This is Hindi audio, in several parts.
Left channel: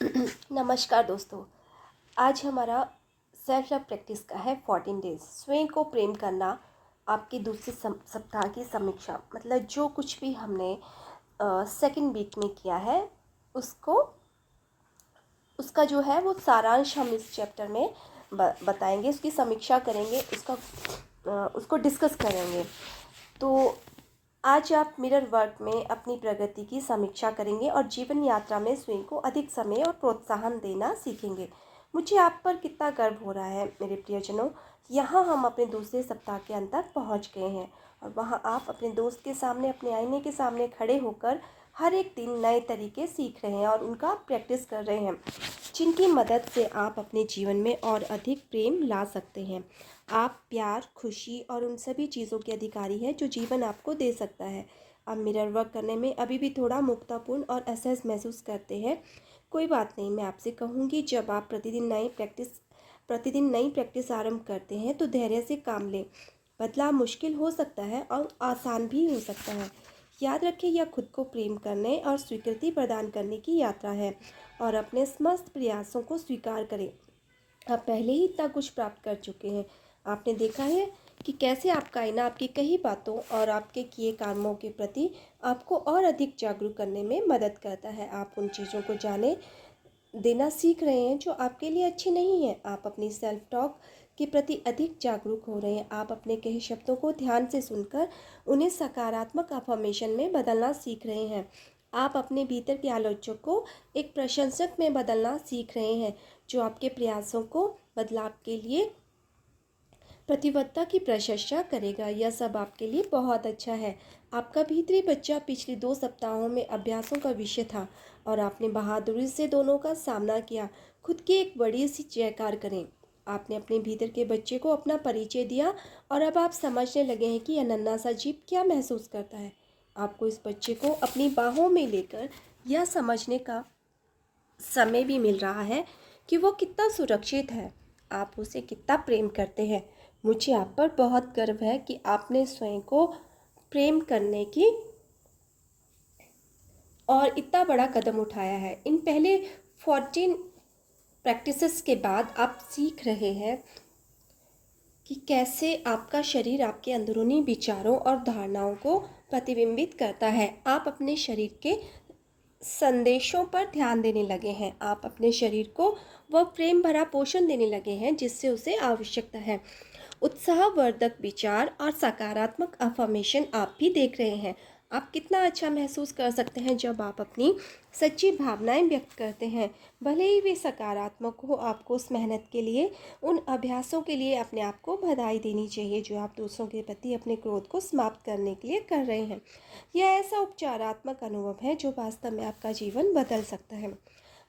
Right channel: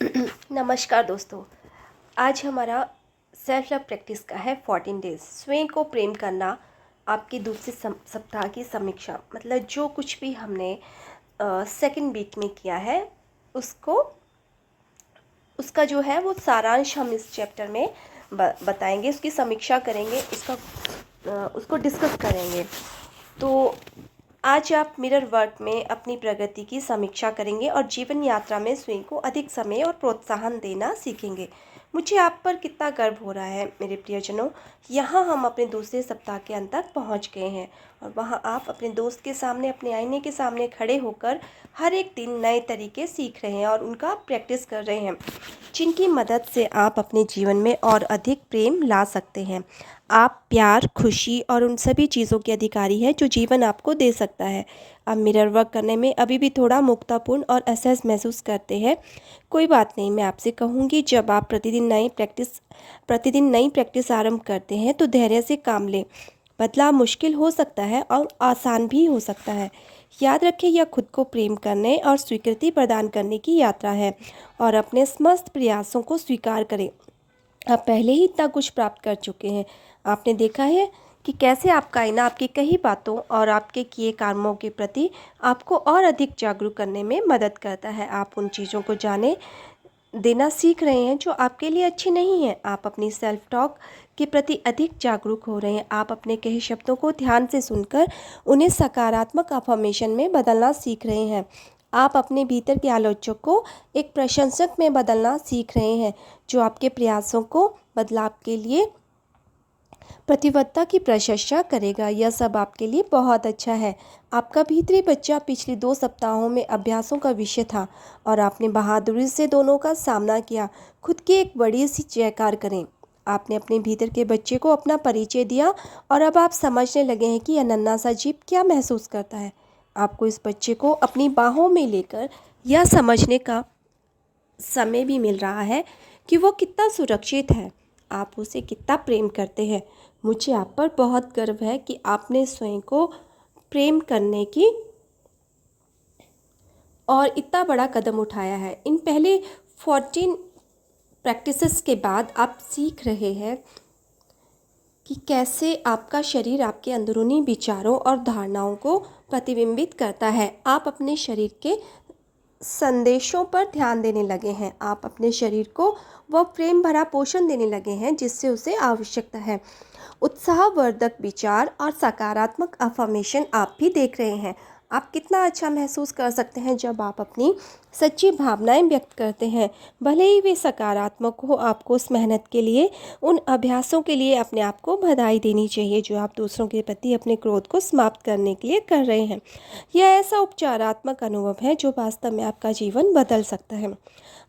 नमस्कार दोस्तों। आज हमारा सेल्फ लव प्रैक्टिस का है 14 डेज स्वयं को प्रेम करना। आपकी दूसरे सप्ताह की समीक्षा, मतलब जो कुछ भी हमने सेकंड वीक में किया है उसको उसका जो है वो सारांश हम इस चैप्टर में बताएंगे, उसकी समीक्षा करेंगे, उसको डिस्कस करेंगे। तो आज आप मिरर वर्क में अपनी प्रगति की समीक्षा करेंगे और जीवन यात्रा में स्वयं को अधिक समय और प्रोत्साहन देना सीखेंगे। मुझे आप पर कितना गर्व हो रहा है मेरे प्रियजनों। यहाँ हम अपने दूसरे सप्ताह के अंत तक पहुँच गए हैं और वहाँ आप अपने दोस्त के सामने, अपने आईने के सामने खड़े होकर हर एक दिन नए तरीके सीख रहे हैं और उनका प्रैक्टिस कर रहे हैं, जिनकी मदद से आप अपने जीवन में और अधिक प्रेम ला सकते हैं। आप प्यार, खुशी और उन सभी चीज़ों के अधिकारी हैं जो जीवन आपको दे सकता है। आप मिरर वर्क करने में अभी भी थोड़ा मुक्तापूर्ण और असहज महसूस करते हैं। कोई बात नहीं, मैं आपसे कहूँगी, जब आप प्रतिदिन नई प्रैक्टिस आरंभ करते हैं तो धैर्य से काम लें। बदलाव मुश्किल हो सकता है और आसान भी हो सकता है। याद रखें, यह खुद को प्रेम करने और स्वीकृति प्रदान करने की यात्रा है और अपने समस्त प्रयासों को स्वीकार करें। आप पहले ही इतना कुछ प्राप्त कर चुके हैं। आपने देखा है कि कैसे आपका आईना आपकी कही बातों और आपके किए कर्मों के प्रति आपको और अधिक जागरूक करने में मदद करता है। आप उन चीज़ों को जाने देना सीख रहे हैं जो आपके लिए अच्छी नहीं है। आप अपनी सेल्फ टॉक के प्रति अधिक जागरूक हो रहे हैं। आप अपने कहे शब्दों को ध्यान से सुनकर उन्हें सकारात्मक अफर्मेशन में बदलना सीख रहे हैं। आप अपने भीतर के आलोचक को एक प्रशंसक में बदलना सीख रहे हैं जो आपके प्रयासों को बदलाव के लिए प्रतिबद्धता की प्रशंसा करेगा। यह सब आपके लिए बहुत अच्छा है। आपका भीतरी बच्चा पिछले 2 सप्ताहों में अभ्यासों का विषय था और आपने बहादुरी से दोनों का सामना किया। खुद की एक बड़ी सी जयकार करें। आपने अपने भीतर के बच्चे को अपना परिचय दिया और अब आप समझने लगे हैं कि यह नन्हा सा जीव क्या महसूस करता है। आपको इस बच्चे को अपनी बाहों में लेकर यह समझने का समय भी मिल रहा है कि वो कितना सुरक्षित है, आप उसे कितना प्रेम करते हैं। मुझे आप पर बहुत गर्व है कि आपने स्वयं को प्रेम करने की और इतना बड़ा कदम उठाया है। इन पहले 14 प्रैक्टिसेस के बाद आप सीख रहे हैं कि कैसे आपका शरीर आपके अंदरूनी विचारों और धारणाओं को प्रतिबिंबित करता है। आप अपने शरीर के संदेशों पर ध्यान देने लगे हैं। आप अपने शरीर को वह प्रेम भरा पोषण देने लगे हैं जिससे उसे आवश्यकता है। उत्साहवर्धक विचार और सकारात्मक अफर्मेशन आप भी देख रहे हैं। आप कितना अच्छा महसूस कर सकते हैं जब आप अपनी सच्ची भावनाएं व्यक्त करते हैं, भले ही वे सकारात्मक हो। आपको उस मेहनत के लिए, उन अभ्यासों के लिए अपने आप को बधाई देनी चाहिए जो आप दूसरों के प्रति अपने क्रोध को समाप्त करने के लिए कर रहे हैं। यह ऐसा उपचारात्मक अनुभव है जो वास्तव में आपका जीवन बदल सकता है।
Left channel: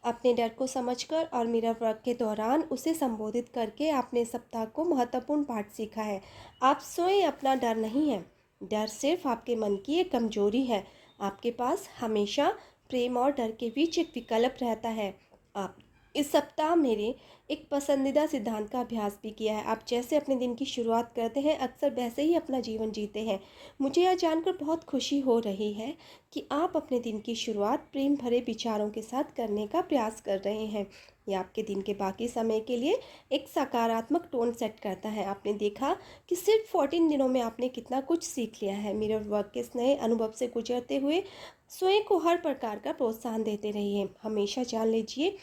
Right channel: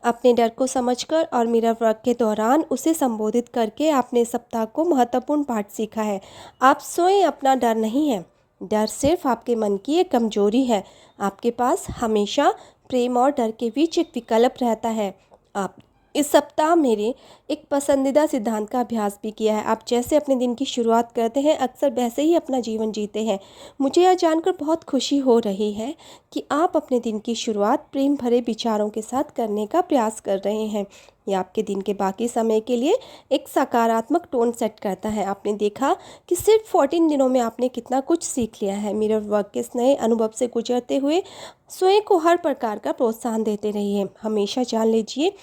अपने डर को समझकर और मिरर वर्क के दौरान उसे संबोधित करके आपने सप्ताह को महत्वपूर्ण पाठ सीखा है। आप स्वयं अपना डर नहीं है। डर सिर्फ आपके मन की एक कमजोरी है। आपके पास हमेशा प्रेम और डर के बीच एक विकल्प रहता है। आप इस सप्ताह मेरे एक पसंदीदा सिद्धांत का अभ्यास भी किया है। आप जैसे अपने दिन की शुरुआत करते हैं, अक्सर वैसे ही अपना जीवन जीते हैं। मुझे यह जानकर बहुत खुशी हो रही है कि आप अपने दिन की शुरुआत प्रेम भरे विचारों के साथ करने का प्रयास कर रहे हैं। यह आपके दिन के बाकी समय के लिए एक सकारात्मक टोन सेट करता है। आपने देखा कि सिर्फ 14 दिनों में आपने कितना कुछ सीख लिया है। मिरर वर्क के इस नए अनुभव से गुजरते हुए स्वयं को हर प्रकार का प्रोत्साहन देते रहिए। हमेशा जान लीजिए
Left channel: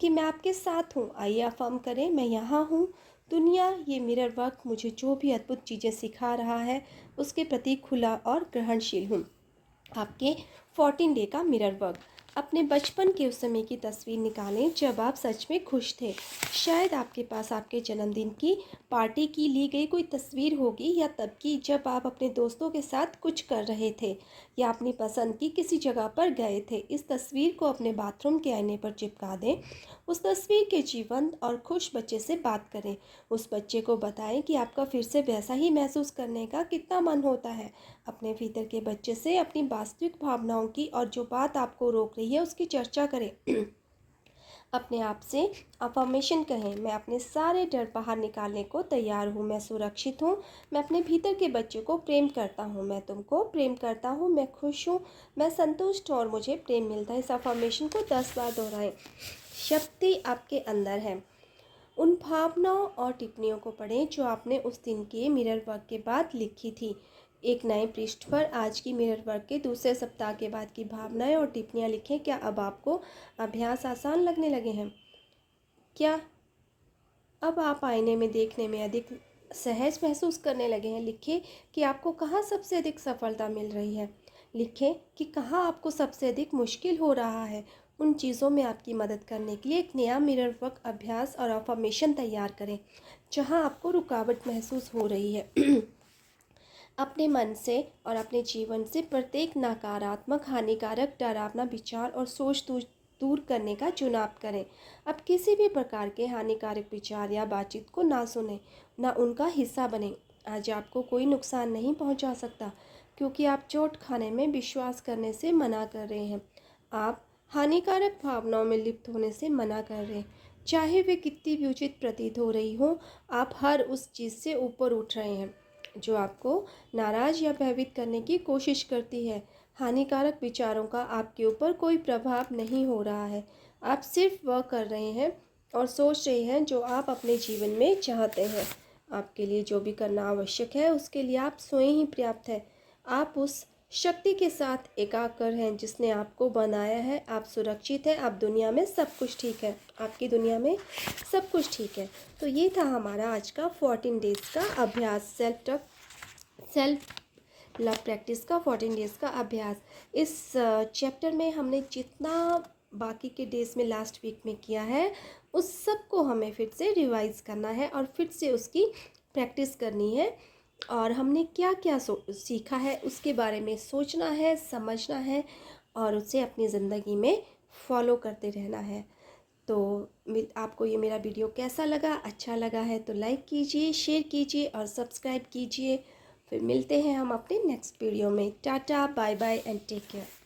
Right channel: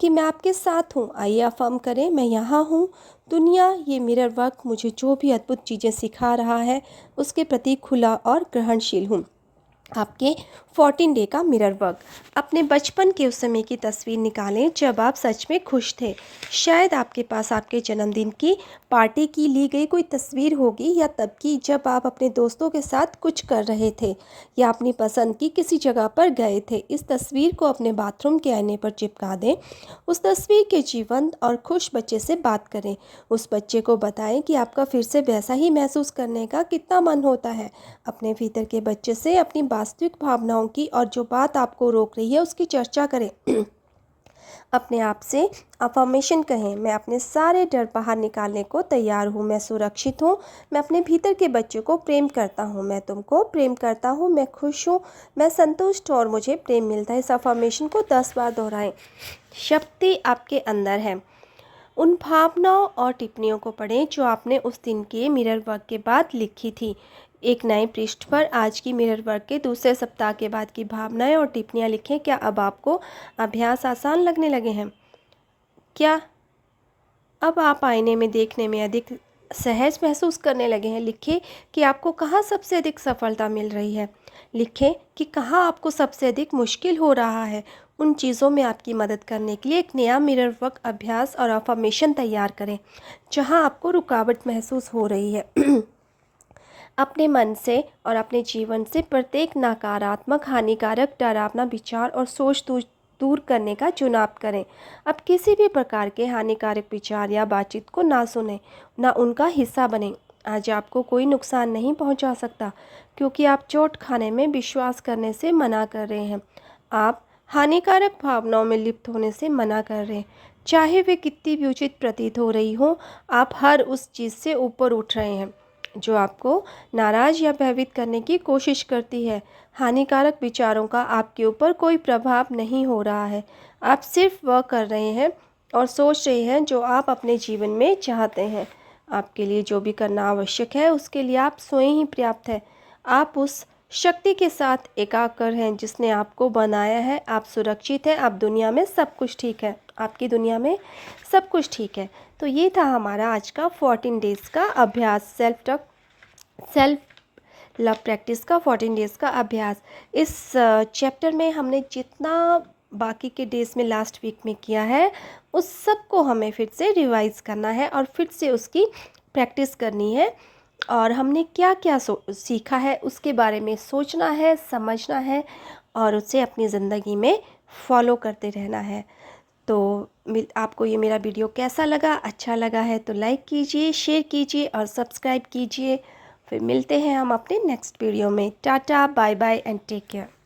कि मैं आपके साथ हूँ। आइए अफर्म करें, मैं यहाँ हूँ। दुनिया, ये मिरर वर्क मुझे जो भी अद्भुत चीज़ें सिखा रहा है उसके प्रति खुला और ग्रहणशील हूँ। आपके 14 डे का मिरर वर्क। अपने बचपन के उस समय की तस्वीर निकालें जब आप सच में खुश थे। शायद आपके पास आपके जन्मदिन की पार्टी की ली गई कोई तस्वीर होगी, या तब की जब आप अपने दोस्तों के साथ कुछ कर रहे थे या अपनी पसंद की किसी जगह पर गए थे। इस तस्वीर को अपने बाथरूम के आईने पर चिपका दें। उस तस्वीर के जीवंत और खुश बच्चे से बात करें। उस बच्चे को बताएं कि आपका फिर से वैसा ही महसूस करने का कितना मन होता है। अपने भीतर के बच्चे से अपनी वास्तविक भावनाओं की और जो बात आपको रोक रही है उसकी चर्चा करें। अपने आप से अफर्मेशन कहें, मैं अपने सारे डर बाहर निकालने को तैयार हूँ, मैं सुरक्षित हूँ, मैं अपने भीतर के बच्चों को प्रेम करता हूँ, मैं तुमको प्रेम करता हूँ, मैं खुश हूँ, मैं संतुष्ट और मुझे प्रेम मिलता है। इस अफर्मेशन को 10 बार दोहराएं। शक्ति आपके अंदर है। उन भावनाओं और टिप्पणियों को पढ़ें जो आपने उस दिन के मिरर वर्क के बाद लिखी थी। एक नए पृष्ठ पर आज की मिरर वर्क के दूसरे सप्ताह के बाद की भावनाएं और टिप्पणियां लिखें। क्या अब आपको अभ्यास आसान लगने लगे हैं? क्या अब आप आईने में देखने में अधिक सहज महसूस करने लगे हैं? लिखें कि आपको कहाँ सबसे अधिक सफलता मिल रही है। लिखें कि कहाँ आपको सबसे अधिक मुश्किल हो रहा है। उन चीज़ों में आपकी मदद करने के लिए एक नया मिरर वर्क अभ्यास और अफर्मेशन तैयार करें जहाँ आपको रुकावट महसूस हो रही है। अपने मन से और अपने जीवन से प्रत्येक नकारात्मक, हानिकारक, डरावना विचार और सोच दूर करने का चुनाव करें। अब किसी भी प्रकार के हानिकारक विचार या बातचीत को ना सुने, ना उनका हिस्सा बने। आज आपको कोई नुकसान नहीं पहुंचा सकता क्योंकि आप चोट खाने में विश्वास करने से मना कर रहे हैं। आप हानिकारक भावनाओं में लिप्त होने से मना कर रहे हैं। चाहे वे कितनी भी उचित प्रतीत हो रही हो, आप हर उस चीज़ से ऊपर उठ रहे हैं जो आपको नाराज़ या भयभीत करने की कोशिश करती है। हानिकारक विचारों का आपके ऊपर कोई प्रभाव नहीं हो रहा है। आप सिर्फ वह कर रहे हैं और सोच रहे हैं जो आप अपने जीवन में चाहते हैं। आपके लिए जो भी करना आवश्यक है उसके लिए आप स्वयं ही पर्याप्त हैं। आप उस शक्ति के साथ एकाकार हैं जिसने आपको बनाया है। आप सुरक्षित हैं। आप दुनिया में सब कुछ ठीक है। आपकी दुनिया में सब कुछ ठीक है। तो ये था हमारा आज का 14 डेज़ का अभ्यास, सेल्फ लव प्रैक्टिस का 14 डेज़ का अभ्यास। इस चैप्टर में हमने जितना बाकी के डेज़ में लास्ट वीक में किया है उस सब को हमें फिर से रिवाइज़ करना है और फिर से उसकी प्रैक्टिस करनी है। और हमने क्या क्या सीखा है उसके बारे में सोचना है, समझना है और उसे अपनी ज़िंदगी में फॉलो करते रहना है। तो आपको ये मेरा वीडियो कैसा लगा? अच्छा लगा है तो लाइक कीजिए, शेयर कीजिए और सब्सक्राइब कीजिए। फिर मिलते हैं हम अपने नेक्स्ट वीडियो में। Tata, bye bye and take care.